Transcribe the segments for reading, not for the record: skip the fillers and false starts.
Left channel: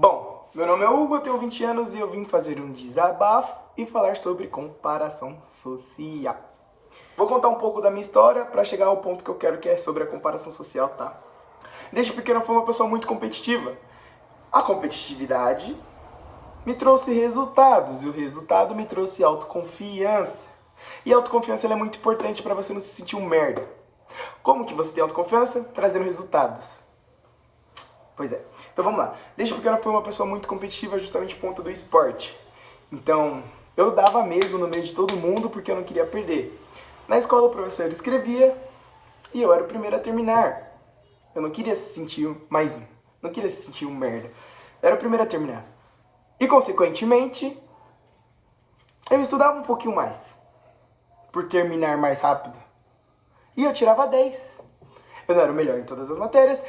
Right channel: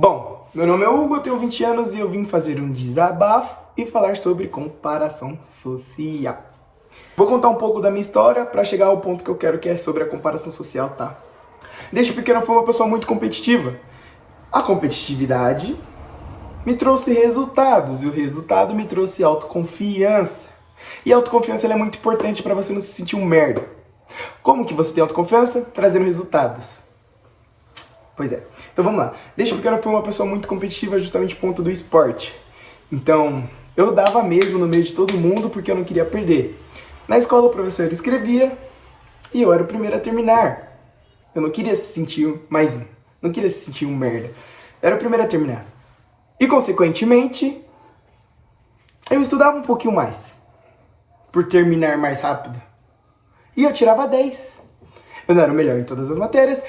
Bom, meu nome é Hugo, eu tenho 20 anos e eu vim fazer um desabafo e falar sobre comparação social. Vou contar um pouco da minha história para chegar ao ponto que eu quero, que é sobre a comparação social, tá? Desde pequeno eu fui uma pessoa muito competitiva. A competitividade me trouxe resultados e o resultado me trouxe autoconfiança. E a autoconfiança ela é muito importante para você não se sentir um merda. Como que você tem autoconfiança? Trazendo resultados. Pois é. Então vamos lá. Desde pequeno eu fui uma pessoa muito competitiva, justamente ponto do esporte. Então, eu dava mesmo no meio de todo mundo porque eu não queria perder. Na escola o professor escrevia e eu era o primeiro a terminar. Eu não queria se sentir mais um. Não queria se sentir um merda. Eu era o primeiro a terminar. E, consequentemente, eu estudava um pouquinho mais. Por terminar mais rápido. E eu tirava 10. Eu não era o melhor em todas as matérias,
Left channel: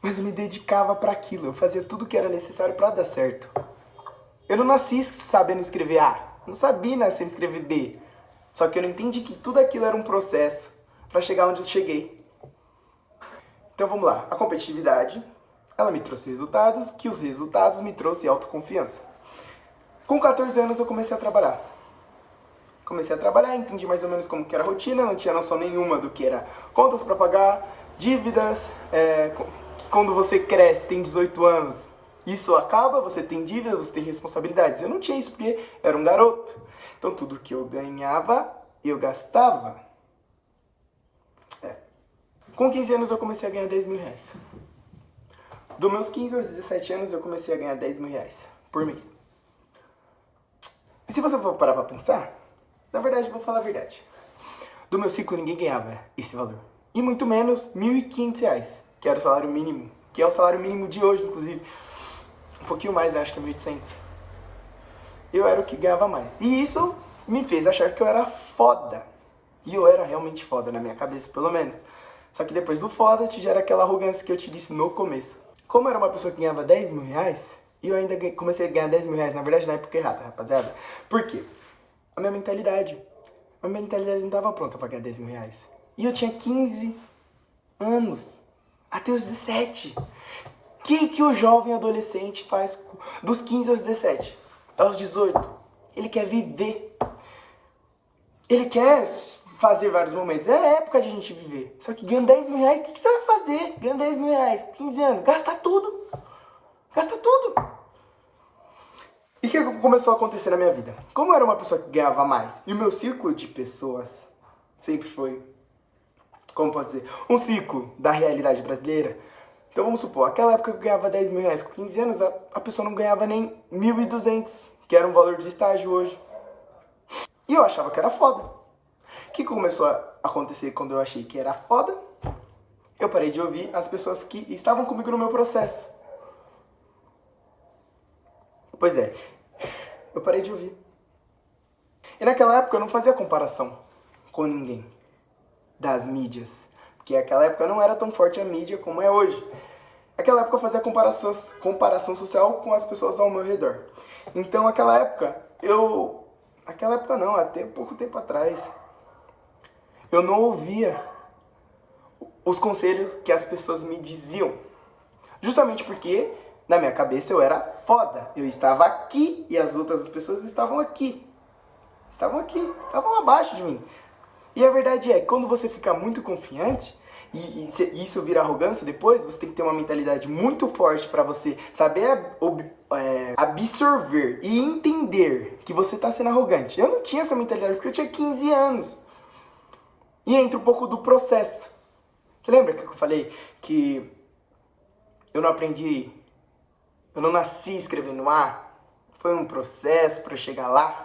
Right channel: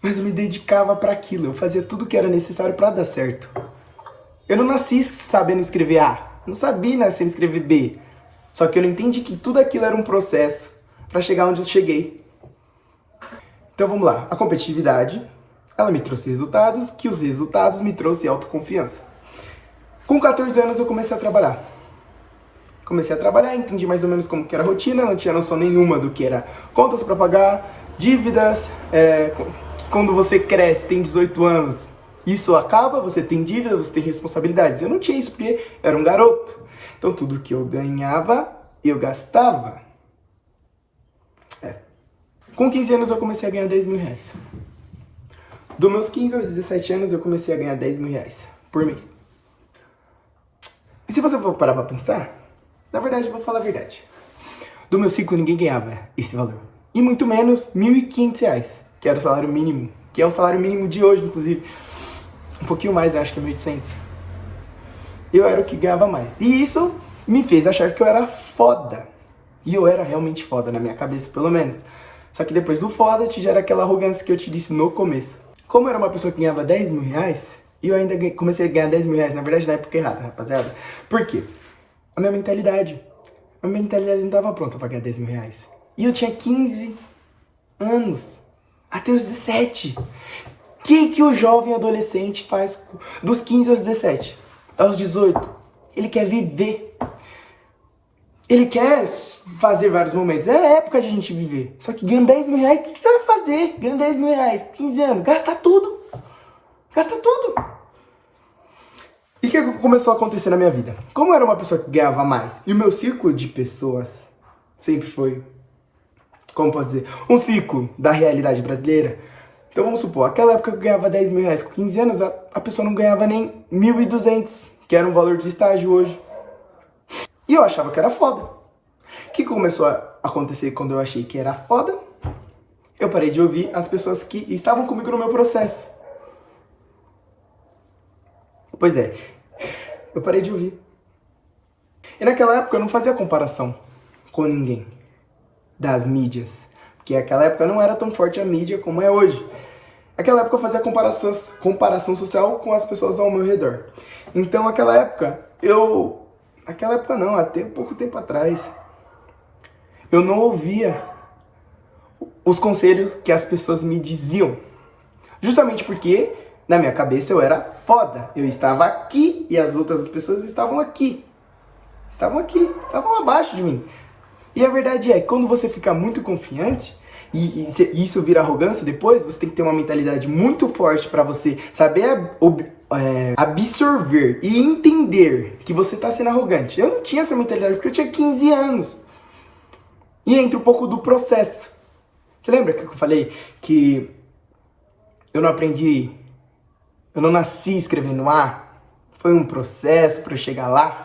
mas eu me dedicava para aquilo. Eu fazia tudo o que era necessário para dar certo. Eu não nasci sabendo escrever A. Não sabia nascer escrever B. Só que eu não entendi que tudo aquilo era um processo para chegar onde eu cheguei. Então vamos lá. A competitividade, ela me trouxe resultados, que os resultados me trouxeram autoconfiança. Com 14 anos eu comecei a trabalhar. Entendi mais ou menos como que era a rotina, não tinha noção nenhuma do que era contas para pagar, dívidas, quando você cresce, tem 18 anos, isso acaba, você tem dívidas, você tem responsabilidades. Eu não tinha isso porque eu era um garoto. Então tudo que eu ganhava, eu gastava. Com 15 anos eu comecei a ganhar 10 mil reais. Dos meus 15 aos 17 anos eu comecei a ganhar 10 mil reais por mês. E se você for parar pra pensar, na verdade, eu vou falar a verdade. Do meu ciclo, ninguém ganhava esse valor. E muito menos R$ 1.500, que era o salário mínimo. Que é o salário mínimo de hoje, inclusive. Um pouquinho mais, acho que é 1.800. Eu era o que ganhava mais. E isso me fez achar que eu era foda. E eu era realmente foda, na minha cabeça, pelo menos. Só que depois do foda, te gera aquela arrogância que eu te disse no começo. Como eu era uma pessoa que ganhava 10 mil reais, e eu ainda comecei a ganhar 10 mil reais, na verdade, na época errada, rapaziada. Por quê? A minha mentalidade não estava pronta para ganhar 10 mil reais. E eu tinha 15 anos, até os 17. O que o jovem adolescente faz dos 15 aos 17? Aos 18? Ele quer viver. Ele quer fazer vários momentos. É a época de a gente viver. Só que ganhando 10 mil reais, o que você vai fazer? Ganhando 10 mil reais, 15 anos, gasta tudo. Gasta tudo. E o que começou a acontecer na minha vida? Como eu era uma pessoa que ganhava mais, e o meu ciclo de pessoas sempre foi, como posso dizer, um ciclo da realidade brasileira. Então vamos supor, aquela época que eu ganhava 10 mil reais com 15 anos, a pessoa não ganhava nem 1.200, que era um valor de estágio hoje. E eu achava que era foda. O que começou a acontecer quando eu achei que era foda? Eu parei de ouvir as pessoas que estavam comigo no meu processo. Pois é, eu parei de ouvir. E naquela época eu não fazia comparação com ninguém das mídias. Porque naquela época não era tão forte a mídia como é hoje. Naquela época eu fazia comparação social com as pessoas ao meu redor. Então naquela época até pouco tempo atrás, eu não ouvia os conselhos que as pessoas me diziam. Justamente porque na minha cabeça eu era foda. Eu estava aqui e as outras pessoas estavam aqui. Estavam abaixo de mim. E a verdade é que quando você fica muito confiante, e isso vira arrogância depois, você tem que ter uma mentalidade muito forte para você saber absorver e entender que você está sendo arrogante. Eu não tinha essa mentalidade porque eu tinha 15 anos. E entra um pouco do processo. Você lembra que eu falei que eu não nasci escrevendo A? Foi um processo para eu chegar lá?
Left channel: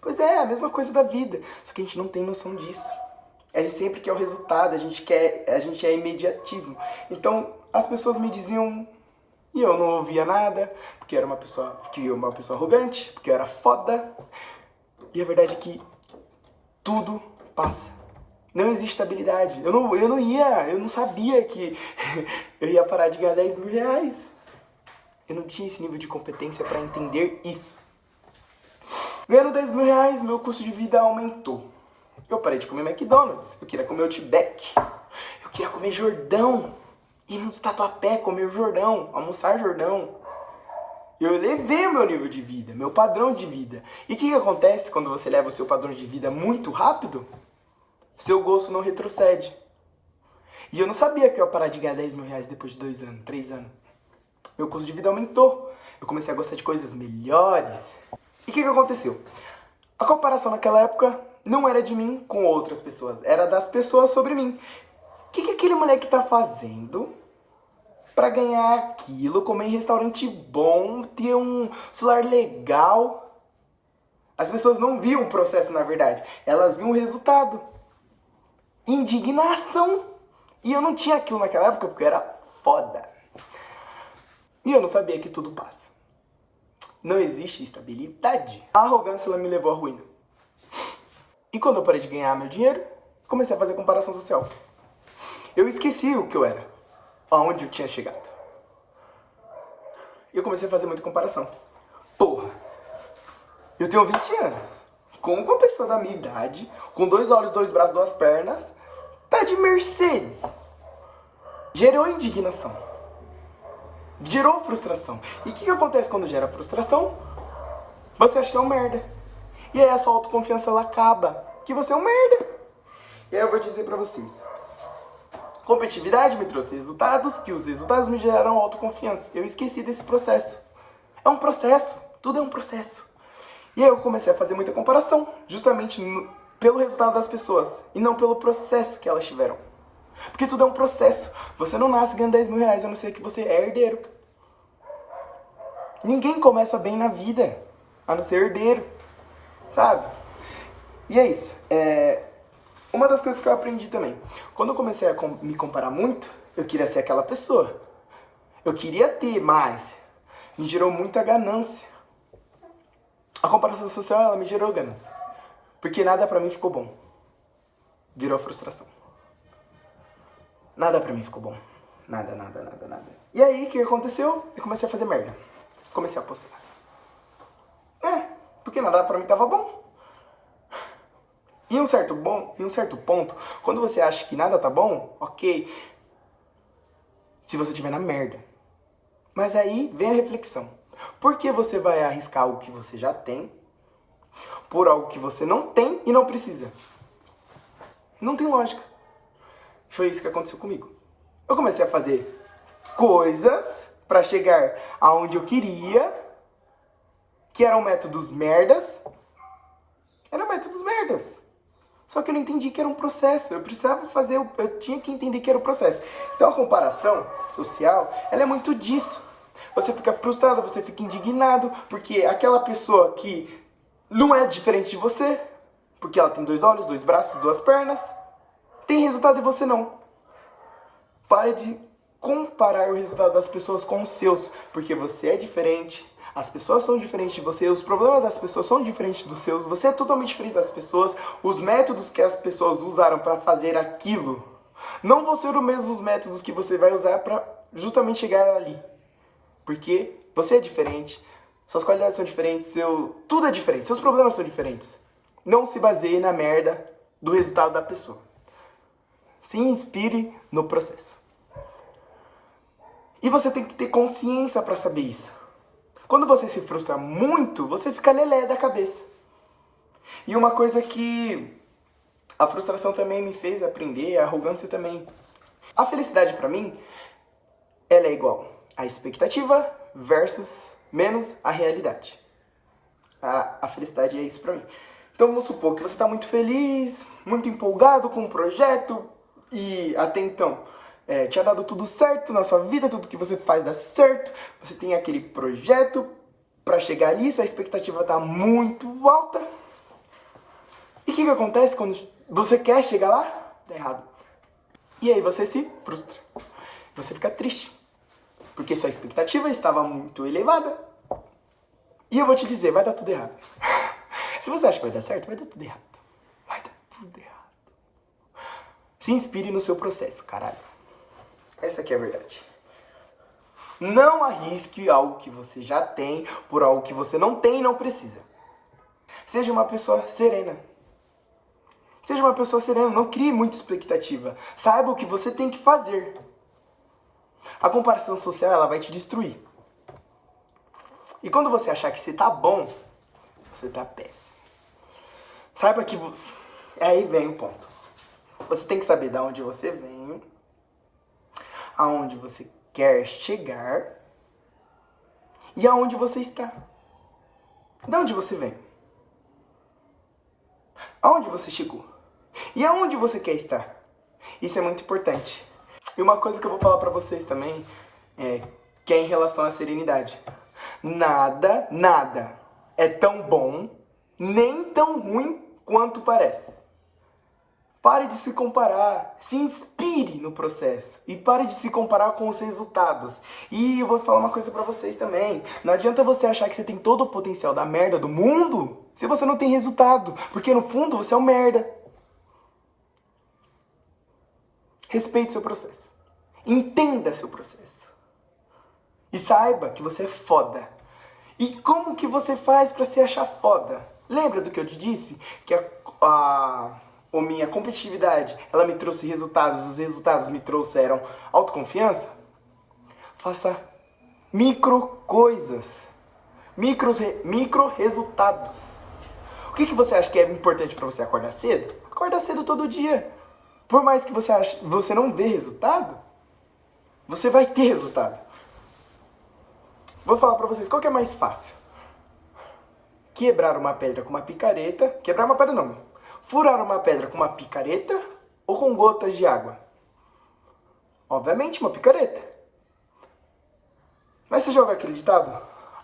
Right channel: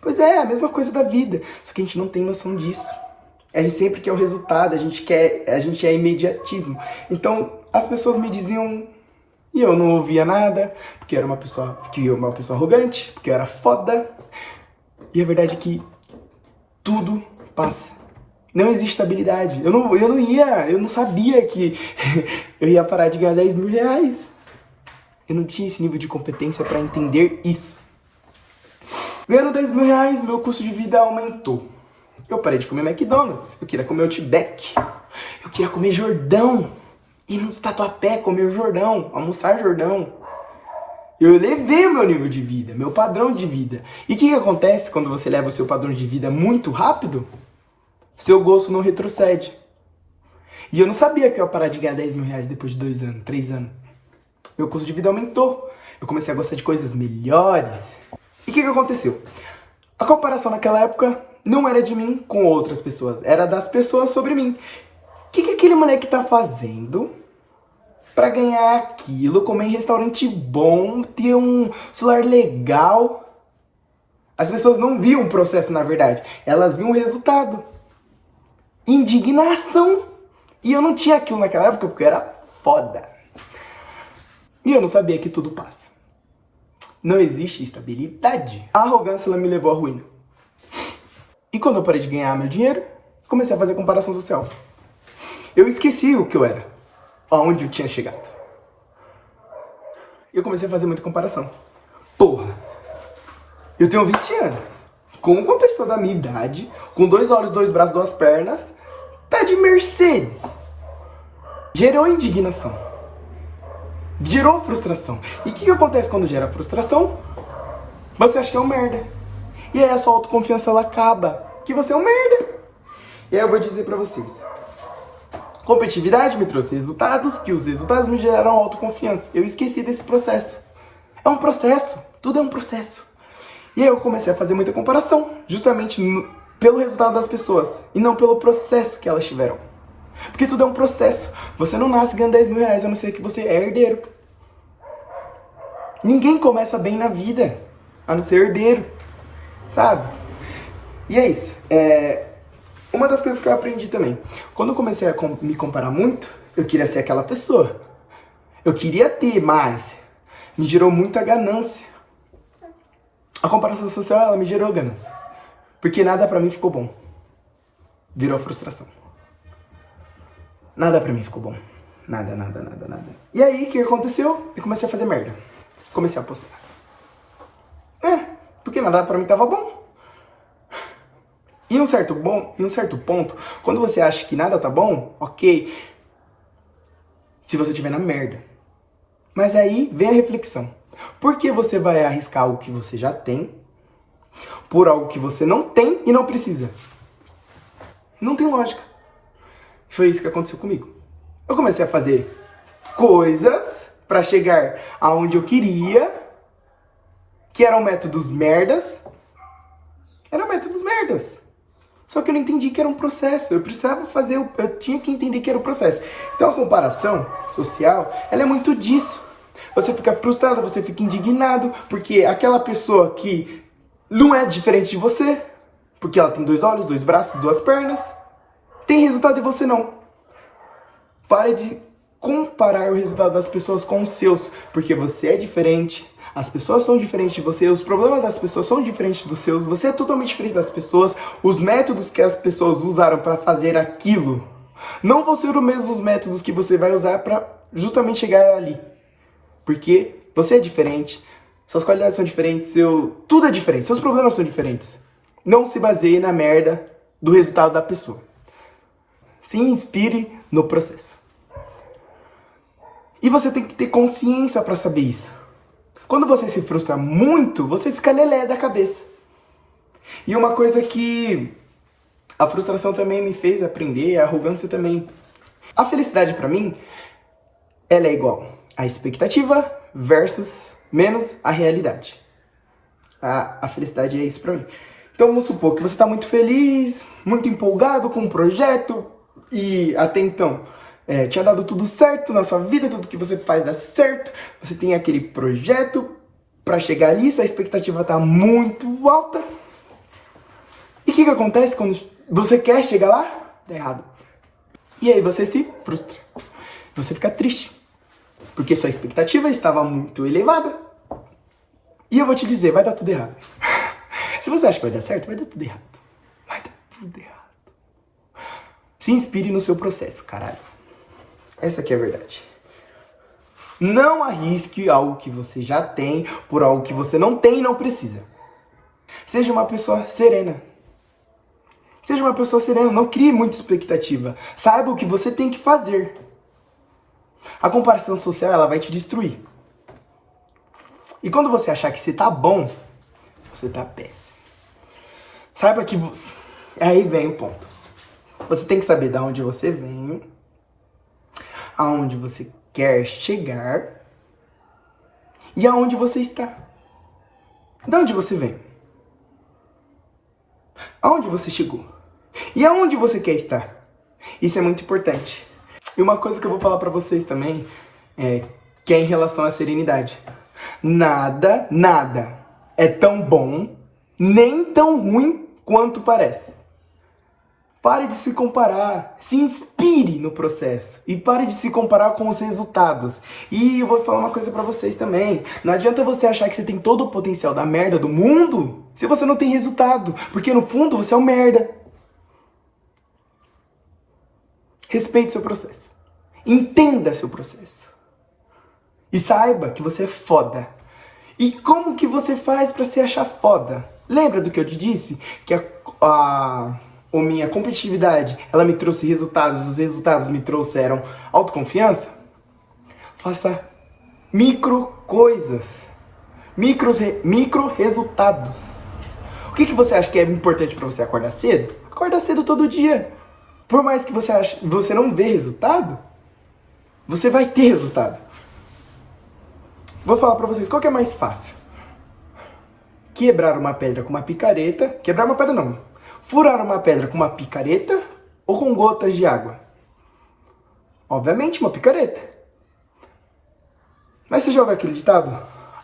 Pois é, a mesma coisa da vida, só que a gente não tem noção disso. A gente sempre quer o resultado, a gente é imediatismo. Então, as pessoas me diziam, e eu não ouvia nada, porque eu era uma pessoa arrogante, porque eu era foda. E a verdade é que tudo passa. Não existe estabilidade. Eu não sabia que eu ia parar de ganhar 10 mil reais. Eu não tinha esse nível de competência para entender isso. Ganhando 10 mil reais, meu custo de vida aumentou. Eu parei de comer McDonald's. Eu queria comer Outback. Eu queria comer Jordão. Ir no Tatuapé, comer Jordão. Almoçar Jordão. Eu elevei o meu nível de vida, meu padrão de vida. E o que acontece quando você leva o seu padrão de vida muito rápido? Seu gosto não retrocede. E eu não sabia que eu ia parar de ganhar 10 mil reais depois de 2 anos, 3 anos. Meu custo de vida aumentou. Eu comecei a gostar de coisas melhores. E o que aconteceu? A comparação naquela época não era de mim com outras pessoas. Era das pessoas sobre mim. O que aquele moleque tá fazendo pra ganhar aquilo, comer em restaurante bom, ter um celular legal? As pessoas não viam o processo, na verdade. Elas viam o resultado. Indignação. E eu não tinha aquilo naquela época porque eu era foda. E eu não sabia que tudo passa. Não existe estabilidade. A arrogância, ela me levou à ruína. E quando eu parei de ganhar meu dinheiro, comecei a fazer comparação social. Eu esqueci o que eu era. Aonde eu tinha chegado. E eu comecei a fazer muita comparação. Porra, eu tenho 20 anos. Com uma pessoa da minha idade, com 2 olhos, 2 braços, 2 pernas, tá de Mercedes. Gerou indignação. Gerou frustração. E o que acontece quando gera frustração? Você acha que é um merda. E aí a sua autoconfiança, ela acaba. Que você é um merda. E aí eu vou dizer pra vocês. Competitividade me trouxe resultados, que os resultados me geraram autoconfiança. Eu esqueci desse processo. É um processo. Tudo é um processo. E aí eu comecei a fazer muita comparação. Justamente pelo resultado das pessoas. E não pelo processo que elas tiveram. Porque tudo é um processo. Você não nasce ganhando 10 mil reais, a não ser que você é herdeiro. Ninguém começa bem na vida, a não ser herdeiro. Sabe? E é isso. Uma das coisas que eu aprendi também. Quando eu comecei a me comparar muito, eu queria ser aquela pessoa. Eu queria ter mais. Me gerou muita ganância. A comparação social, ela me gerou ganância. Porque nada pra mim ficou bom. Virou frustração. Nada pra mim ficou bom. Nada. E aí, o que aconteceu? Eu comecei a fazer merda. Comecei a postar. Porque nada pra mim tava bom. E em um certo ponto, quando você acha que nada tá bom, ok. Se você estiver na merda. Mas aí vem a reflexão. Por que você vai arriscar algo que você já tem por algo que você não tem e não precisa? Não tem lógica. Foi isso que aconteceu comigo. Eu comecei a fazer coisas pra chegar aonde eu queria, que eram métodos merdas. Só que eu não entendi que era um processo. Eu precisava fazer, eu tinha que entender que era um processo. Então a comparação social, ela é muito disso. Você fica frustrado, você fica indignado, porque aquela pessoa que não é diferente de você, porque ela tem 2 olhos, 2 braços, 2 pernas, tem resultado e você não. Pare de comparar o resultado das pessoas com os seus, porque você é diferente, as pessoas são diferentes de você, os problemas das pessoas são diferentes dos seus, você é totalmente diferente das pessoas, os métodos que as pessoas usaram para fazer aquilo não vão ser os mesmos métodos que você vai usar para justamente chegar ali. Porque você é diferente, suas qualidades são diferentes, tudo é diferente, seus problemas são diferentes. Não se baseie na merda do resultado da pessoa. Se inspire no processo. E você tem que ter consciência para saber isso. Quando você se frustra muito, você fica lelé da cabeça. E uma coisa que a frustração também me fez aprender, a arrogância também. A felicidade para mim, ela é igual a expectativa versus menos a realidade. A felicidade é isso para mim. Então vamos supor que você está muito feliz, muito empolgado com um projeto e até então tinha dado tudo certo na sua vida, tudo que você faz dá certo, você tem aquele projeto para chegar ali, sua expectativa está muito alta. E o que acontece quando você quer chegar lá? Dá errado. E aí você se frustra, você fica triste, porque sua expectativa estava muito elevada. E eu vou te dizer, vai dar tudo errado. Se você acha que vai dar certo, vai dar tudo errado. Vai dar tudo errado. Se inspire no seu processo, caralho. Essa aqui é a verdade. Não arrisque algo que você já tem por algo que você não tem e não precisa. Seja uma pessoa serena. Seja uma pessoa serena, não crie muita expectativa. Saiba o que você tem que fazer. A comparação social, ela vai te destruir. E quando você achar que você tá bom, você tá péssimo. Saiba que você... Aí vem o ponto. Você tem que saber de onde você vem, aonde você quer chegar e aonde você está. De onde você vem? Aonde você chegou? E aonde você quer estar? Isso é muito importante. E uma coisa que eu vou falar pra vocês também é que é em relação à serenidade. Nada é tão bom, nem tão ruim quanto parece. Pare de se comparar, se inspire no processo e pare de se comparar com os resultados. E eu vou falar uma coisa pra vocês também. Não adianta você achar que você tem todo o potencial da merda do mundo se você não tem resultado, porque no fundo você é um merda. Respeite seu processo. Entenda seu processo. E saiba que você é foda. E como que você faz pra se achar foda? Lembra do que eu te disse? Que a minha competitividade, ela me trouxe resultados, os resultados me trouxeram autoconfiança? Faça micro coisas. Micro resultados. O que você acha que é importante pra você acordar cedo? Acorda cedo todo dia. Por mais que você não vê resultado, você vai ter resultado. Vou falar pra vocês, qual que é mais fácil? Quebrar uma pedra com uma picareta... Quebrar uma pedra não. Furar uma pedra com uma picareta ou com gotas de água? Obviamente, uma picareta. Mas você já ouviu aquele ditado?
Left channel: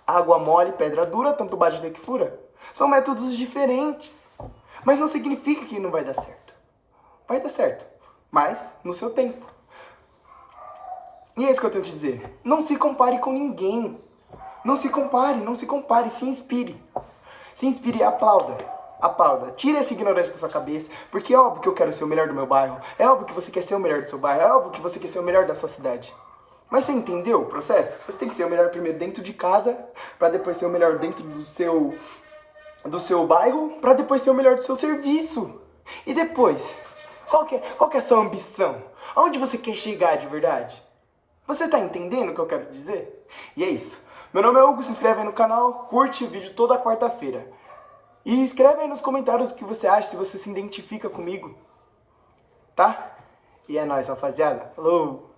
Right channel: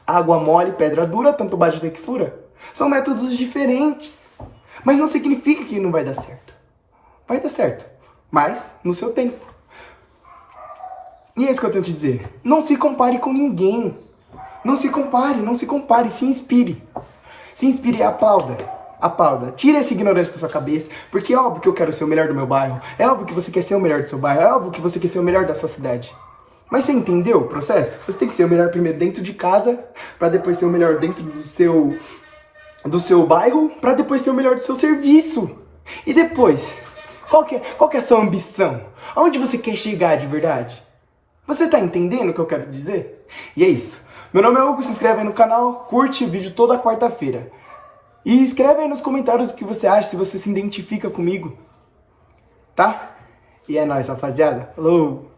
Água mole, pedra dura, tanto bate até que fura. São métodos diferentes. Mas não significa que não vai dar certo. Vai dar certo, mas no seu tempo. E é isso que eu tenho que te dizer. Não se compare com ninguém. Não se compare, se inspire. Se inspire e aplauda. Aplauda. Tira essa ignorância da sua cabeça, porque é óbvio que eu quero ser o melhor do meu bairro, é óbvio que você quer ser o melhor do seu bairro, é óbvio que você quer ser o melhor da sua cidade. Mas você entendeu o processo? Você tem que ser o melhor primeiro dentro de casa, para depois ser o melhor dentro do seu bairro, para depois ser o melhor do seu serviço. E depois, qual que é a sua ambição? Aonde você quer chegar de verdade? Você tá entendendo o que eu quero dizer? E é isso. Meu nome é Hugo, se inscreve aí no canal, curte o vídeo toda quarta-feira. E escreve aí nos comentários o que você acha, se você se identifica comigo. Tá? E é nóis, rapaziada. Falou!